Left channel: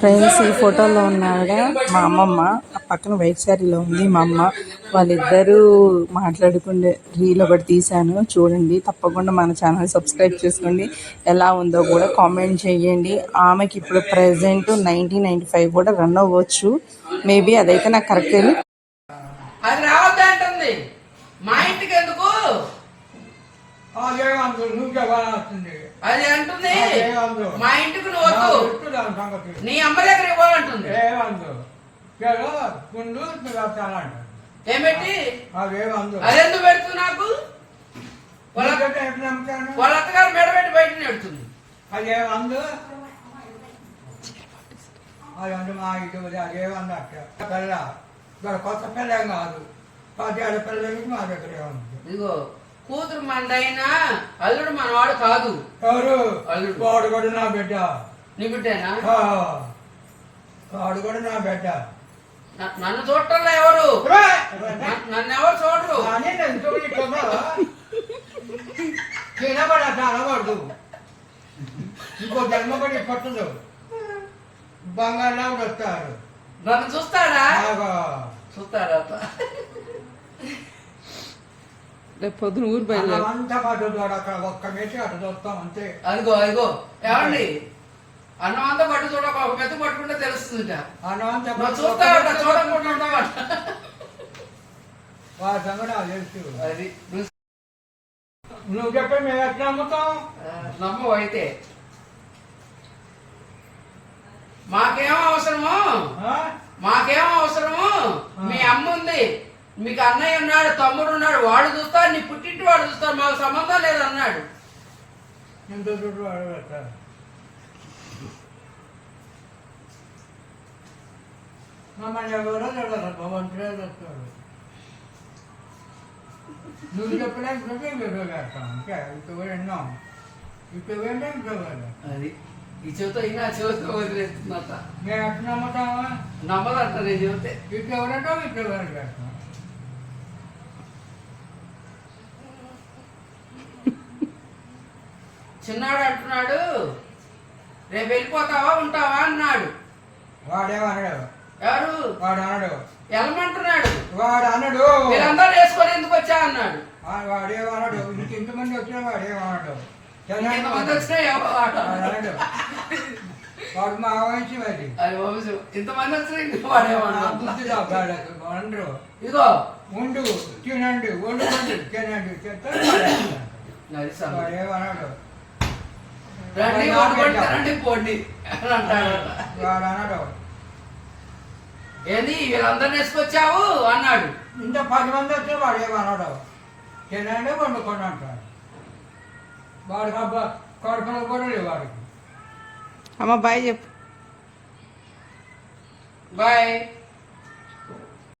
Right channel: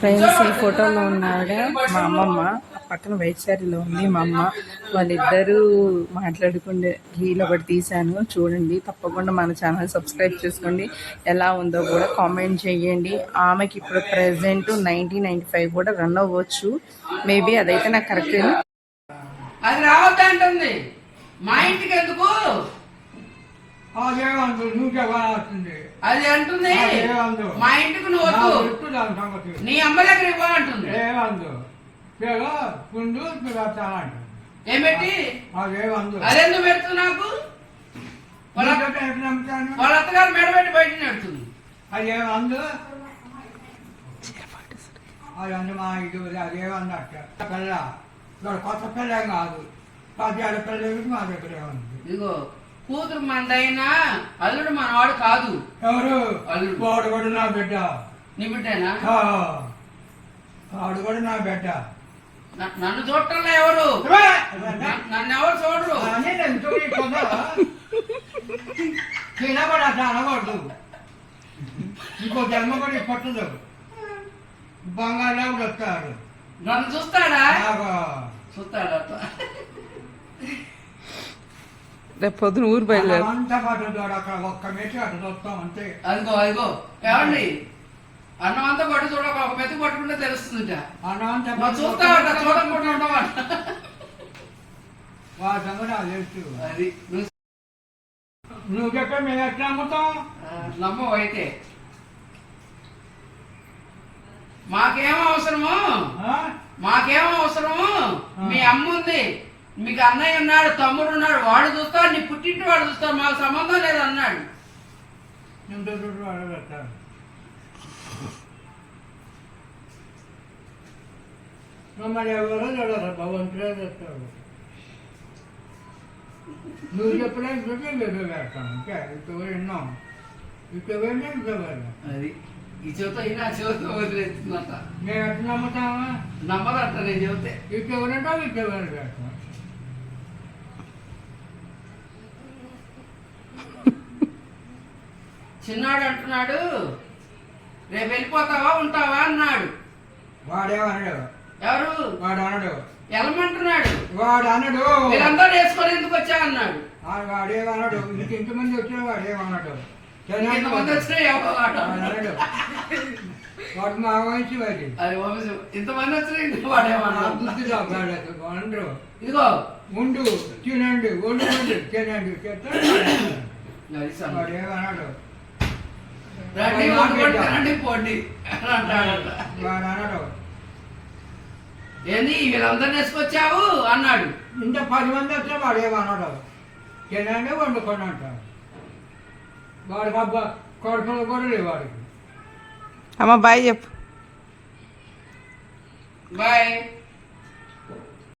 Friends, ఈ ఫోటోలో ఉన్న ఆవిడ మా అమ్మమ్మ. ఆ పక్కన వైట్ శారీలో ఉంది మా అమ్మ. వాళ్ళిద్దరూ మాట్లాడుకునే రీల్ ఒకటి తీశాను, చూడండి. తప్పకుండా మన ఛానల్ సబ్స్క్రైబ్ చేసుకోండి. ఎలా ఉందో కూడా కామెంట్ చేయండి. ఆమెకి ఇప్పుడు ప్రెసెంట్ 1995 కూడా రన్ అవ్వచ్చు. మేబీ అదైతే నాకు కరెక్ట్. అది రావద్దంటుంది మా ఇంటికి ఎందుకు అది అంటుంది. మా ఇంటికి నువ్వు వద్దు, నీ అమ్మ దగ్గర ఇవ్వాలంటుంది. ఏమిటి అదెందుకు పెడుతుంది? నాకు వాళ్ళ అత్తగారు మెడబెట్టి బయట నెడుతుంది. అదేమందు అదందు మా ఇది అదేమంది అట్ట పిల్ల కొత్త పిల్ల కాదు, 10 పిల్లలకి మా దగ్గర ఏముంది. ఇదిగో కూతురు మనదైనా అల్లుడు మనవాడు కాదు. ఎవరు? అల్లుడు. వాడు కూడా నా బిడ్డ. నీ బిడ్డేనా? వాడు కూడా నా బిడ్డ. నన్ను చూడటంలో ఎవరు? నన్ను ఎవరు చూడరు. తినబడి అట్లా అనబడదు. ఇంకో జన్మ కూడా పట్టదు. బంగాళా కూడా వస్తాడు. నన్ను చూస్తాడా? చూస్తాడా? రేపు పొద్దున ఊరు బయలుదేరు. అంతా పట్టుతాడు అక్కడ ఒక్క మెచ్చి అటు చూస్తాం అంతే. అదిగో అదిగో ఏమండి, అన్నం అంతా పట్టు చూడ ఒక మెత్త పట్టుకుంటే తెలుస్తుంట. అన్నం అంతా చూస్తావట, చూడకుండా ఉంటావట. వాళ్ళ సంగతి నాకు తెలుసు. అది నువ్వు చెప్పే మేము ఎట్లా అమ్ముతాం? నమ్మవు అయితే. మాకేమో అవసరము, మాకేమో అవసరము. మీ అమ్మ ఉంది, మీకు అన్నయ్య ఉన్నాడు, తమ్ముడు ఉన్నాడు, వాడు చూస్తాడు, నీ పుట్టింటి వాడు చూస్తాడు, మాకు సంబంధం లేదు అన్నాడు. మమ్మల్ని ఎవరో చూడరు, భగవంతుడే చూస్తాడు. నువ్వు చెప్పినా పెడతాం ఇంకా ఇక్కడ విన్నాం, ఇక్కడ విన్నా ఇంకా అది ఈ చెబుతా అయినా చెబుతా వదిలేస్తున్నట. మేము ఎట్లా నమ్ముతామా? నమ్మదంట నేను చెబితే. ఇక్కడ ఎవరంటాం ఇక్కడ పెడతాం. చిన్నాడు అంటున్నాడు, రేపు వెళ్ళిపోతావా ఉంటావా అన్నాడు. వాడేమన్నాడు? ఎవరు? వాడు అన్నాడు వెళ్ళమంటున్నాడు. వాడు అన్నాడు వీళ్ళందరూ వేసుకొని ఎందుకు వచ్చా అన్నాడు. వాడేమన్నాడు? ఇంక ఇంతమంది వచ్చాడు. వాడేమన్నాడు? ఇంతమంది వచ్చినా అన్నాడు వాడు మా వయసు అది. అది వంశం. ఇంతమంది వచ్చినా వాడేమన్నాడు. ఇదిగో ఉండు తినండి, వండుకోండి తినండి వాడేమన్నాడు? రండి పోండి అని అంటాడు. వాడు అన్నాడు ఏంది వీళ్ళందరిని వేసుకొచ్చావు అన్నాడు. ఇంత 10 మంది వచ్చా వాడు ఏమన్నాడు? తినండి వండుకోండి అంటాడు. వాడికి అబ్బా కొడుకులు కూడా లేవు వాడికి. అమ్మ బాయ్ చెప్పు. బాయ్.